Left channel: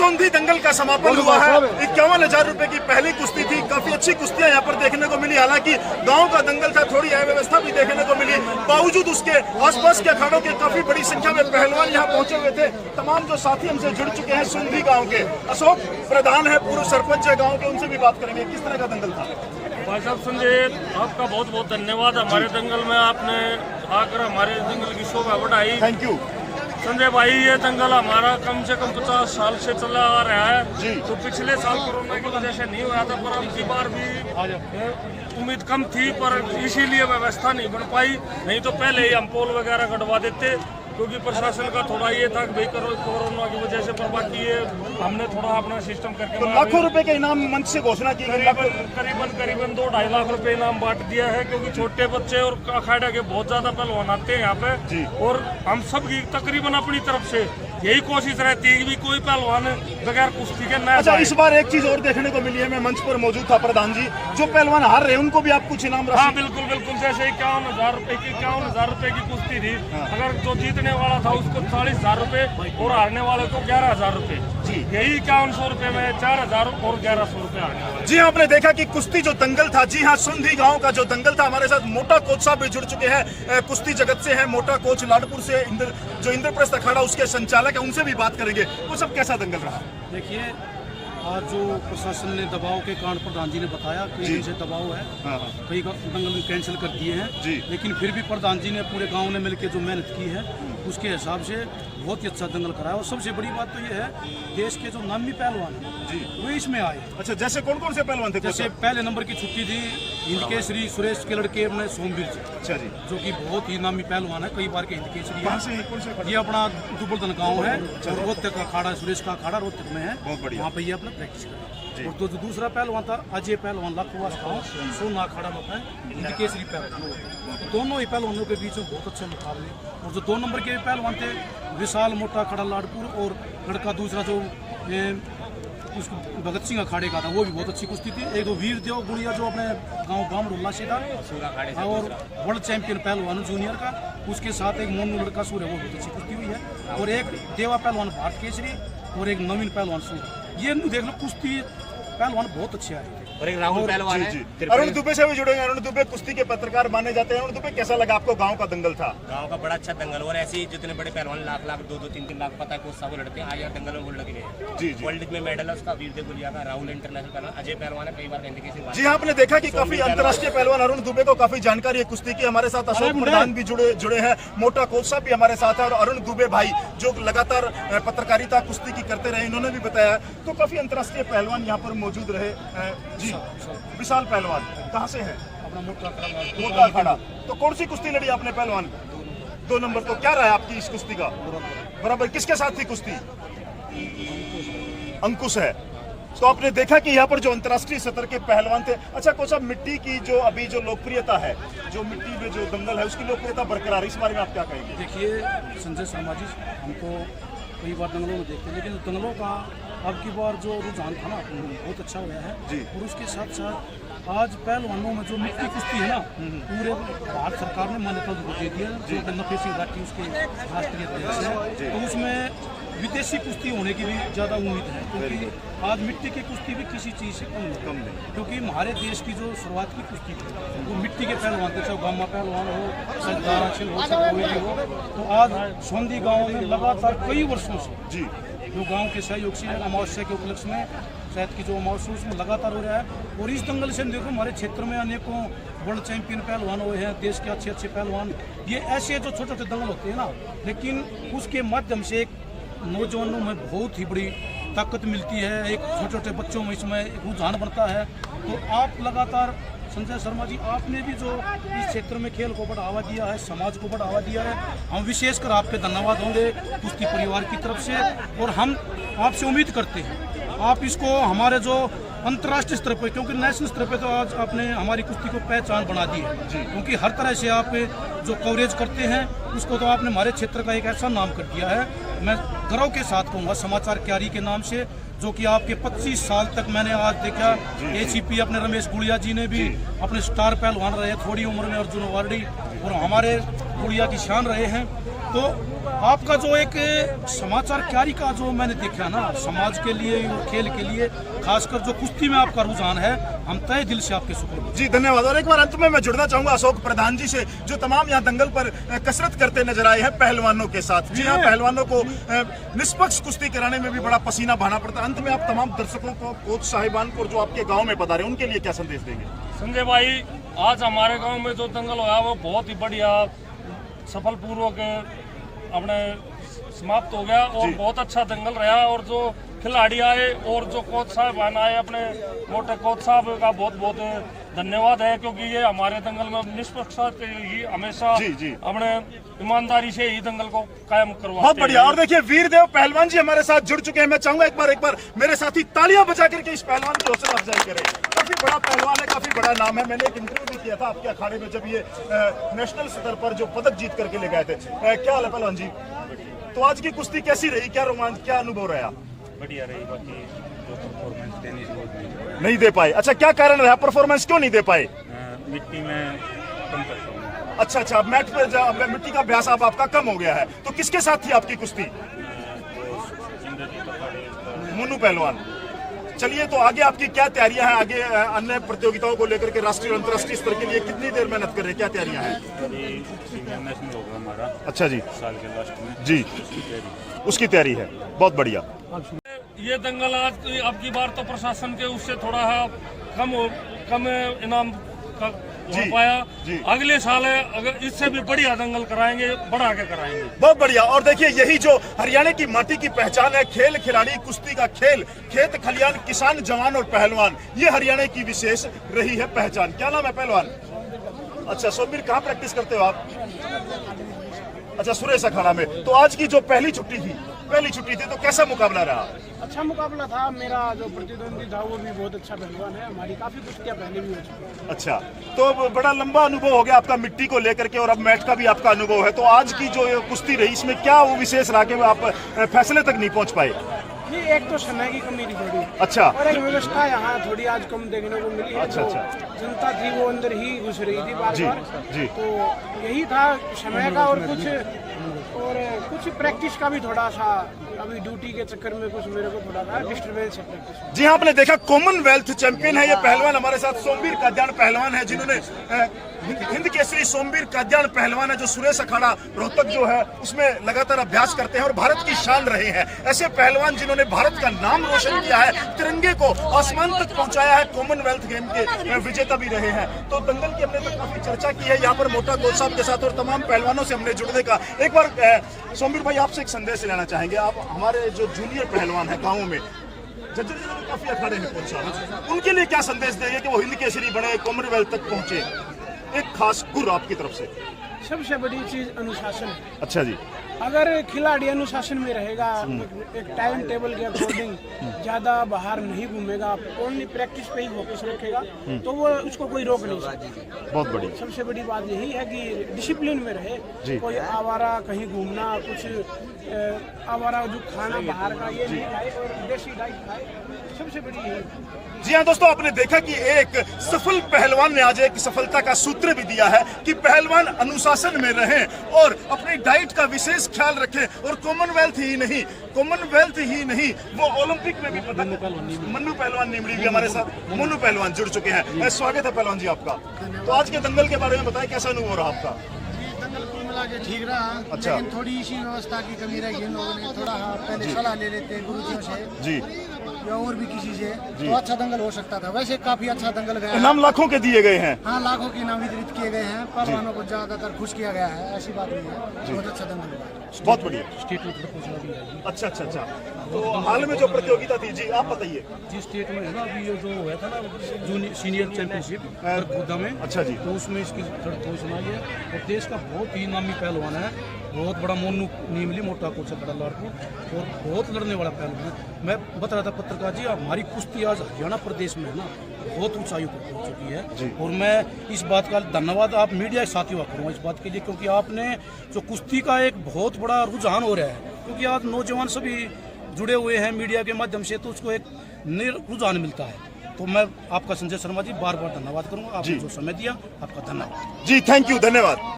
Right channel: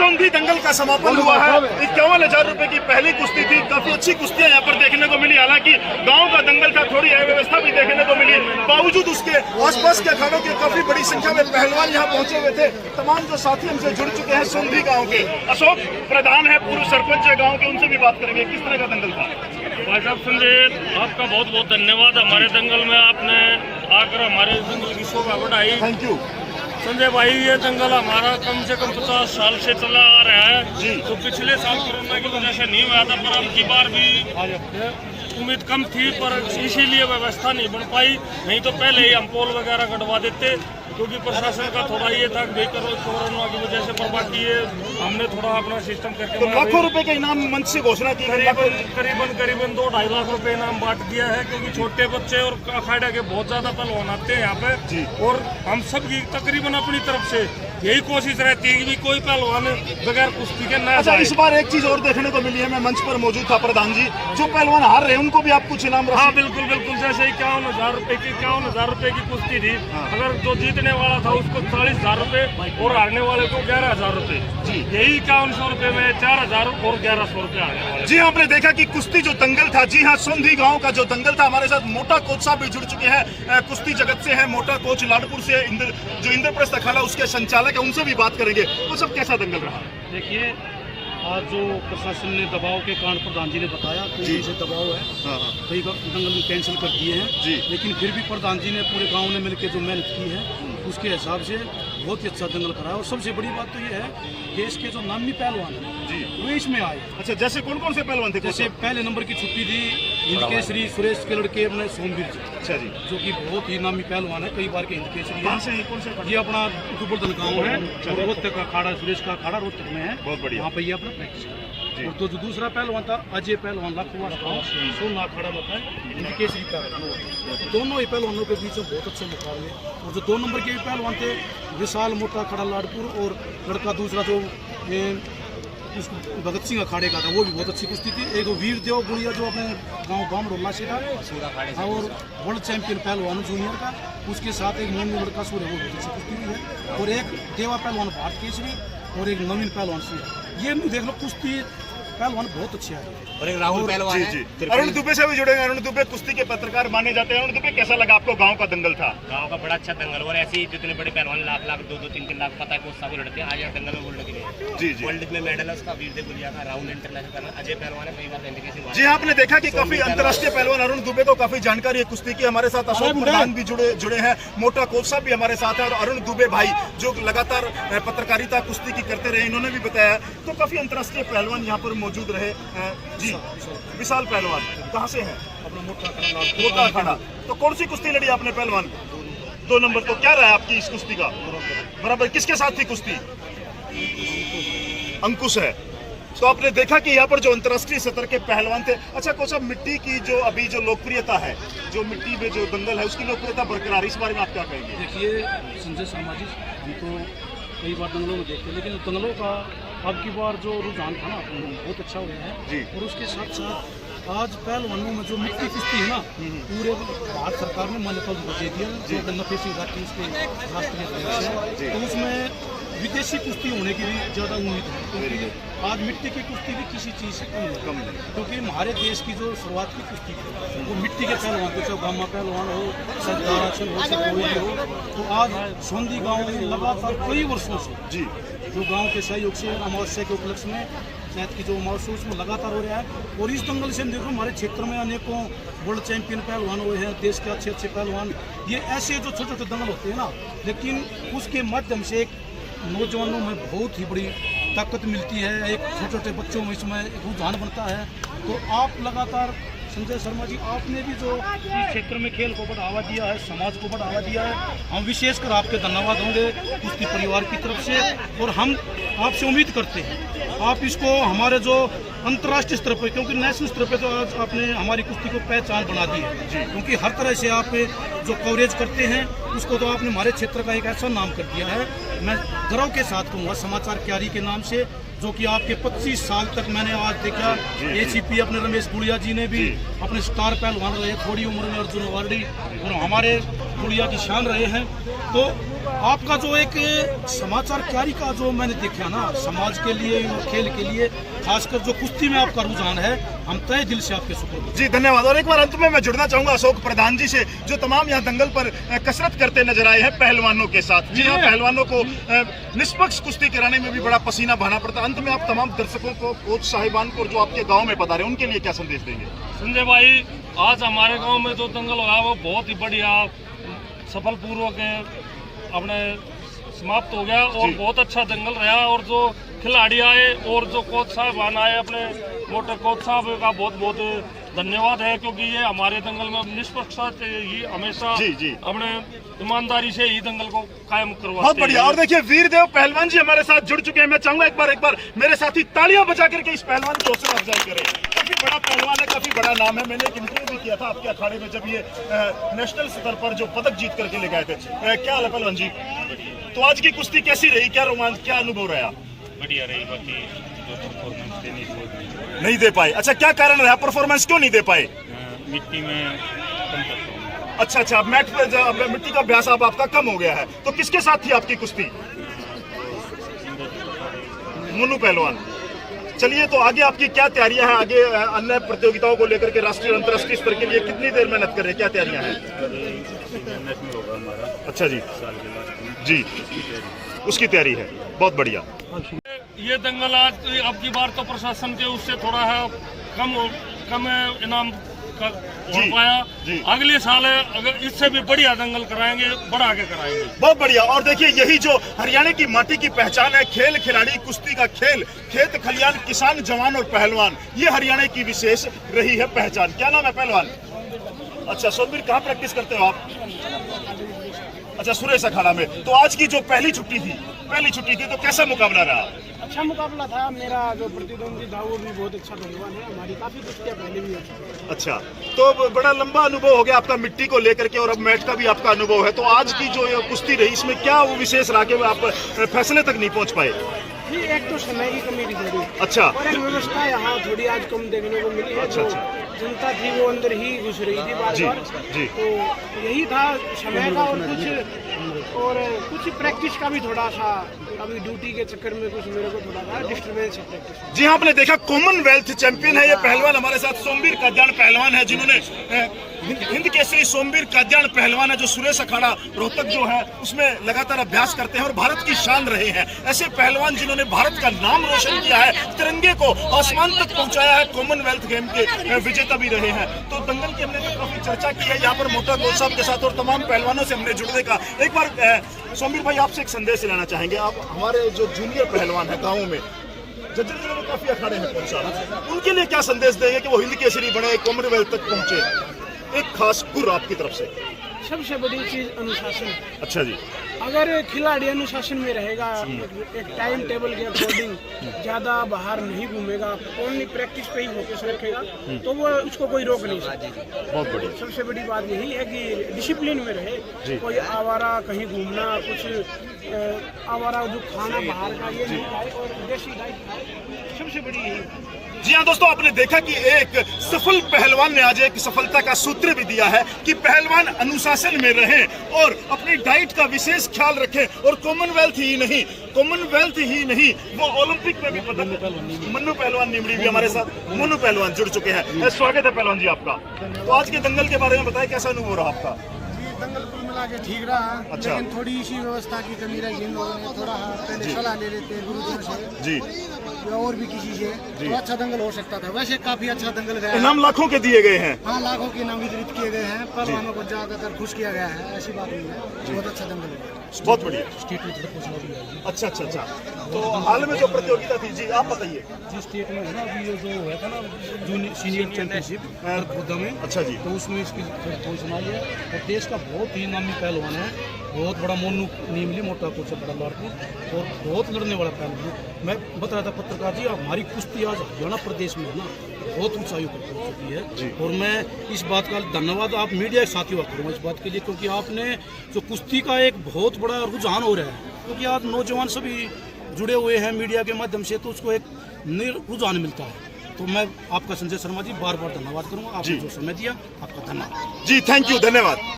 सोंधी दंगल का समापन हुआ है। 51,000 रुपए की पहली कुश्ती थी। काफी अच्छी कुश्तियां यहाँ पर देखने को मिली। हालांकि गांव का दंगल था, थोड़ी अव्यवस्था भी देखने को मिली। बावजूद उसके आसपास के अखाड़ों की काफी बड़ी संख्या में पहलवान यहाँ पहुंचे हुए थे। तमाम जो साथी हमसे जुड़ चुके हैं सोंधी गाँव के, अशोक प्रधान है, पूर्व सरपंच है गाँव के, उनसे भी बात करेंगे किस तरह का दंगल था। भाई साहब संजय, आपका बहुत बहुत धन्यवाद। हमारे दंगल में आपने आकर हमारे दंगल की शोभा बढ़ाई। थैंक यू संजय भाई। ये दंगल हमारा कम से कम 50 साल से चला आ रहा है। तो पिछले साल कोरोना की वजह से नहीं हुआ था, पर अब की बार भी उम्मीद कम थी, पर इसीलिए व्यवस्था नहीं बन पाई। नहीं तो पहले ही हम पोल वगैरह गड़वा देते, क्योंकि प्रशासन का थोड़ा ये था कि भाई कोरोना की वजह से, पर बाकी ये हमने थोड़ा अपना सिस्टम करके तो लाखों रुपए के इनाम मंच से घोषणा की गई। करीबन 2-2.5 लाख रुपए इनाम बांट दिया है, क्योंकि छोटे बच्चे और अखाड़ा के बहुत ज्यादा पहलवान आते हैं यहाँ पे। और हम सब की तकरीबन अपनी तरफ से यही कोशिश रहती है कि कोई पहलवान बगैर कुश्ती के न। अच्छा, इस बार एक चीज और देखने को मिली है, मैं मंच पर मौजूद था प्रधान जी, जो पहलवान हार रहे हैं उनको भी आप कुछ इनाम। हाँ बिल्कुल बिल्कुल, जैसे 51,000 रुपए की कुश्ती थी। अगर जो जीतने वाला था उसको 40,000 रुपए और हारने वाले को 11,000 रुपए। यही 5100 रुपए में 4,000 और 1,100 रुपए। जी आपने देखा कि कुश्ती जो दंगल था, जी हाँ, सोंधी गांव का जो दंगल था। हमारे साथ मोटा कोच साहब भी जुड़ चुके हैं, कुश्ती जगत से हैं। मोटा कोच लाडपुर से, जो इंद्रप्रस्थ अखाड़ा उसके संचालक है, उनसे भी बात करेंगे। वो सब कैसा दंगल रहा? देखिए, आज जो प्रशासन ने दबाव के कारण प्रधान जी ने बताया कई से दबाव है, कई दंगल कैंसिल कर दिए हैं, लेकिन फिर भी प्रधान जी ने पूरे गांव ने मिलकर जो मेहनत की है उसके हिसाब से बहुत ही अच्छा दंगल कराया। और सबसे बड़ी बात तो ये है, देश के जो नामी पहलवान हैं वो इसमें आए। अच्छा, जैसे कौन कौन से पहलवान थे? जैसे पहले नंबर की छुट्टी थी हिंद केसरी सुरेश के लड़के अपने सोमवीर जी। अच्छा जी, जो कि बहुत ही नामी पहलवान है, कई बार के हिंद केसरी है। कौन से? ये अपना दुबलदन गाँव है और रोहतक का अखाड़ा, सुरेश का अखाड़ा रोहतक में है। बहुत बढ़िया। वहाँ पर ये अपना प्रैक्टिस कर। और तो जो दूसरा पहलवान था अजय पहलवान लाखोवास गाँव, सोना अखाड़ा होता है, हिंद केसरी पहलवान। दोनों ही पहलवानों के बीच में बहुत अच्छे मुकाबले। और जो 2 नंबर के पहलवान थे, विशाल मोटा अखाड़ा लाडपुर, और लड़का दूसरा जो भगत सिंह अखाड़े का था, वो भी बहुत अच्छी कुश्ती थी। एक दो वीर देव गुड़िया जो अपने गांव बामडोला से था, और वर्ल्ड चैंपियन पहलवान जूनियर का, उसके साथ एक मोनू लड़का सूर्य, वो बहुत अच्छी कुश्ती हुई है। और एक देवा पहलवान भारत केसरी, और एक नवीन पहलवान सूर्य। ये देख लो, कुश्ती पहलवान बहुत अच्छे हैं। और एक राहुल पहलवान है। अरुण दुबे से भी जुड़ेंगे। अरुण दुबे कुश्ती के पत्रकार माने जाते हैं। अरुण दुबे, कैसा लगा आपको गांव का दंगल था? गांव का बड़ा अच्छा दंगल, और ऐसे ही जितने बड़े पहलवान लाख 2-3 लाख पता है कोच साहब लड़ते हैं। आज यहाँ दंगल में गोल्ड लगे जी। वर्ल्ड में मेडल है उसका, वीर देव गुड़िया का। राहुल इंटरनेशनल पहलवान, अजय पहलवान है, कई बार। जी, आपने देखा कि काफी अंतर्राष्ट्रीय पहलवान अरुण दुबे को काफी जानकारी है कुश्ती की। हमारे साथ अशोक प्रधान भी जुड़े हैं, मोटा कोच साहब भी हमारे साथ है, और अरुण दुबे भाई जो लगातार पत्रकारिता कुश्ती की करते रहे, इन्होंने भी बताया। तो काफी अंतर्राष्ट्रीय पहलवान यहाँ पर मौजूद रहे। जी, विशाल पहलवान कहाँ से हैं? अपना मोटा अखाड़ा। तो कौन सी कुश्ती लड़ी आपने पहलवान? 2 नंबर। तो क्या रहा आपकी इस कुश्ती का? बराबर। किसके साथ थी कुश्ती? अंकुश है। तो आपने देखा कि यहाँ पर जो अंतर्राष्ट्रीय स्तर के पहलवान थे। अच्छा कोच साहब, मिट्टी की जो अभी जो लोकप्रियता है, जो मिट्टी में जो दंगल है उसकी लोकप्रियता बरकरार, इस बारे में आप क्या कहेंगे? देखिए संजय शर्मा जी, हम तो कई बार दंगलों में देखते हैं, लेकिन दंगलों का अब की बार जो रुझान था ना, बहुत अच्छा हुआ है। और उसके साथ साथ आज पहलवानों में जो मिट्टी कुश्ती है ना, पूरे भारत सरकार ने मान्यता दे दी है, जो गन्ना सिंह राठी उसके राष्ट्रीय अध्यक्ष हैं। तो उसमें विदेशी कुश्ती होने की भी ज़्यादा उम्मीद है, क्योंकि आज मिट्टी की कुश्ती भी किसी चीज़ से कम नहीं। क्योंकि हमारे देश की जो शुरुआत की कुश्ती थी वो मिट्टी के पहलवान थे, चाहे गामा पहलवान हो, सरदार अक्षर हो, चाहे कोई भी हो। तो आज सोंधी गाँव में लगातार कई वर्षों से जो गांव के सहयोग से अमावस्या के उपलक्ष्य में शायद की जो अमावस्या उसमें लगातार हो रहा है। और इस दंगल से देखो, हमारे क्षेत्र में अनेकों वर्ल्ड चैंपियन पहलवान हुए हैं, देश के अच्छे अच्छे पहलवान। ये ऐसे जो छोटे छोटे दंगल होते हैं ना, लेकिन उसके माध्यम से एक नौजवानों में बहुत ही बड़ी ताकत मिलती है, एक छोटे छोटे बच्चों में इसमें एक रुझान बनता है। तो आप लगातार संजय शर्मा जी, आपने भी जो इस क्षेत्र में खेल को बढ़ावा दिया है, समाज को बढ़ावा दिया है, हम विशेषकर आपके धन्यवाद होंगे कुश्ती परिवार की तरफ से। और हम आपसे उम्मीद करते हैं आप इसको हमारे जो अंतर्राष्ट्रीय स्तर पर, क्योंकि नेशनल स्तर पर तो आज आपने हमारी कुश्ती को पहचान बना दी है जी, क्योंकि हर तरह से आप जो कवरेज करते हैं उसको तो आपने हमारे क्षेत्र का एक ऐसा नाम कर दिया है। मैं गर्व के साथ कहूँगा समाचार क्यारी के नाम से, जो कि आपके 25 साल तक मैंने आज देखा। एसीपी अपने रमेश गुड़िया जी ने भी अपने स्टार पहलवान रहे, थोड़ी उम्र में अर्जुन अवार्डी, और हमारे गुड़िया की शान रहे हैं। तो आपका जो एक समाचार क्यारी का जो मैंने देखा ना, समाज के लिए, खेल के लिए, खासकर जो कुश्ती में आपका रुझान है, हम तहे दिल से आपके शुक्र जी, धन्यवाद। और एक बार अंत में मैं जुड़ना चाहूंगा अशोक प्रधान जी से, जो तमाम यहाँ दंगल पर कसरत करते नजर आए हैं पहलवानों के साथ। जी हाँ, पहलवानों को निष्पक्ष कुश्ती कराने में भी बड़ा पसीना बहाना पड़ता है। अंत में आप तमाम दर्शकों को, कोच साहिबान को, जो आपके गाँव में पधारे, उनके लिए क्या संदेश देंगे? संजय भाई, आज हमारे गांव में जो दंगल हुआ वो बहुत ही बढ़िया सफल पूर्वक अपने समाप्त हो गया और बहुत अच्छा दंगल रहा। और जो खिलाड़ी आए और जो कोच साहब आए, अपने मोटे कोच साहब का बहुत बहुत धन्यवाद है, क्योंकि ये हमारे दंगल में निष्पक्षता ही हमेशा अपने ईमानदारी से ही दंगल को कायम करवाते। बहुत बढ़िया। और देखिए वीरदेव पहलवान जी हमारे साथ जुड़ चुके हैं। मैं चाहूंगा एक बार मेरे साथी तालियां बजा करके इस पहलवान की हौसला अफजाई करें। काफी बड़ा पहलवान है, काफी बड़ा नाम है। मैंने एक इंटरव्यू भी किया था आपके अखाड़े में, जब ये नेशनल स्तर पर जो पदक जीत करके ले गए थे। क्या हाल है पहलवान जी? तो आज की कुश्ती कैसी रही, क्या रोमांच, क्या अनुभव रहा? बढ़िया रही, बाकी जो परफॉर्मेंस देनी थी नहीं दे पाए। अच्छा, क्या कारण रहा, परफॉर्मेंस क्यों नहीं दे पाए? मिट्टी में कम करता हूँ। अच्छा, मैट पर मिट्टी का अभ्यास आपका कम हो गया है। तो किसके साथ थी आपकी कुश्ती? मोनू पहलवान। चलिए, तो आगे आपकी क्या तैयारियां हैं? आगे अन्य प्रतियोगिताओं को लेकर के राष्ट्रीय और अंतर्राष्ट्रीय स्तर के लिए कितनी देर मेहनत कर रहे हैं, क्या तैयारियां हैं? अच्छा जी, जी, उसकी तैयारी है। बहुत बढ़िया। ये दंगल आज अब की बार तो प्रशासन के उससे थोड़ा है कम इनाम हो पाया। अगले साल अगर इससे भी बढ़िया दंगल कराएंगे, बढ़ा के कराएंगे। बहुत बढ़िया। और देखिए, यही जो हरियाणा की माटी की पहचान है, खेल खिलाड़ी, कुश्ती का खेल, खेत खलियान, किसान, जवान और पहलवान, ये हरियाणा की विशेष रही है पहचान। क्या नाम है पहलवान? अच्छा, सोनवीर, कहाँ प्रैक्टिस करते हो आप? अच्छा, सुरेश अखाड़ा में। तो आज की जो पहली छुट्टी थी तो कैसा मुकाबला रहा? अच्छा मुकाबला था। मेरा जो प्रतिद्वंदी था वो भी बहुत अच्छा पहलवान है। हमारी काफी कुश्तियां पहले भी होती। अच्छा, तो बड़ा लंबा अनुभव हो गया आपका मिट्टी को लेकर के, और अब मैट का भी आपका अनुभव है। तो आज की जो कुश्ती रही, इसमें क्या वो विशेष रहा कि आप फैसले तक नहीं पहुंच पाए? नहीं, एक तो समय की कमी थी थोड़ी। अच्छा। और एक व्यवस्था यहाँ थोड़ी आज कम देखने को मिली है। अच्छा। जनता थी वो अंदर ही घुस रही थी बार बार। तो यही था समय का, और कुछ प्रैक्टिस का भी थोड़ा सा, अभी ड्यूटी के चक्कर में कुछ मेरे को थोड़ा सा डिस्टर्बेंस है प्रैक्टिस। जी हाँ, आपने देखा कॉमनवेल्थ चैंपियन है ये पहलवान हमारे साथ। सोमवीर काद्यान पहलवान है, जिन्होंने हिंद केसरी सोमवीर काद्यान पहलवान है, जो सुरेश अखाड़ा रोहतक जो है उसमें लगातार अभ्यास करते हैं और भारत की शान रहे हैं। ऐसे पहलवान जिन्होंने भारत का नाम रोशन किया है, तिरंगे को आसमान तक पहुंचाया है, कॉमनवेल्थ गेम के विजेता भी रहे हैं। तो दंगल की हमने तो काफी चर्चा की है यहाँ पर मोटा कोच साहब के साथ, और तमाम पहलवानों से हमने जुड़ने का। एक बार सोमवीर भाई, आपसे एक संदेश लेना चाहेंगे। आप हमारे जो जूनियर पहलवान है गाँव में, जजरी में काफी अखाड़े हैं कोच साहब, उनके लिए क्या संदेश देंगे कि वो हिंद केसरी बने, कॉमनवेल्थ तक पहुंचे? एक खास गुर आपकी तरफ से। सबसे बड़ी चीज अनुशासन है। अच्छा जी। अगर खिलाड़ी अनुशासन में रहेगा, एक टाइम टेबल के अकॉर्डिंग ज्यादा बाहर नहीं घूमेगा, ओनली प्रैक्टिस पे ही फोकस रखेगा, तो वो उसको कोई रोक नहीं सकता। बहुत बढ़िया। सबसे बड़ी बात यही है कि डिसिप्लिन में रहे। कोई आवारा कहीं घूमना, कुछ आवारा जो खाना बाहर का ये नहीं खाए और देसी डाइट खाए। सबसे बड़ी यही। जी हाँ दोस्तों, आपने देखा कि एक सफल पहलवान ने आज एक सफलता का सूत्र भी दिया है कि पहलवान अनुशासन में रहें और अपनी डाइट का विशेष ख्याल रखें, और कॉमनवेल्थ ही नहीं वो ओलंपिक में भी पदक। मन्नू पहलवान निमड़ी भी हमारे साथ, मोनू पहलवान जुड़ चुके हैं। स्वागत है पहलवान जी आपका। तो आज के दंगल के बारे में बताएं, कैसा अनुभव रहा आपका? दंगल कुल मिला के ठीक रहा। अच्छा। लेकिन थोड़ी सी व्यवस्था की कमी रही। इन लोगों ने थोड़ा पहले सलाह ले लेते हैं गुरुजनों से जी, या और भी किसी से, तो अच्छा दंगल हो सकता था। वैसे काफी अच्छा दंगल गया है। इनाम लाखों के दिए गए हैं। हाँ, लाखों के इनाम वितरित किए गए हैं। पहलवानों को ज्यादातर खुश किया गया है, ऐसी बात नहीं है। बहुत अच्छा दंगल है। बहुत बढ़िया। अच्छा। तो हाल में जो प्रतियोगिता थी, जी आप बताइए। जिस स्टेट में है ना, अभी जो हुआ था ना जूनियर सीनियर चैंपियनशिप खुदा में। अच्छा जी। तो उसमें इसकी पोजीशन आई है, और देश का बहुत ही नामी पहलवान है, बहुत बड़ा मोनू नीमली, मोटा कोच है बड़ा लाड़पुर, और बहुत लड़ने वाला पहलवान है। मैं बता रहा था पत्रकार जी, हमारी कुश्ती आज हरियाणा प्रदेश में है ना बहुत ऊंचाई पर पहुंच चुकी है। और मैं इस बात का धन्यवाद आप मीडिया के साथियों का करूँगा इस बात के लिए, क्योंकि आपने जो कुश्ती का एक बहुत बड़ा रुझान हो रहा है, क्योंकि आज नौजवान सभी जुड़े हुए हैं मीडिया के माध्यम से, तो उसको एक रुझान मिलता है। तो मैं आपका संजय शर्मा जी बार बार धन्यवाद करूंगा, आपने जो समय दिया, आपका धन्यवाद जी। थैंक यू, धन्यवाद।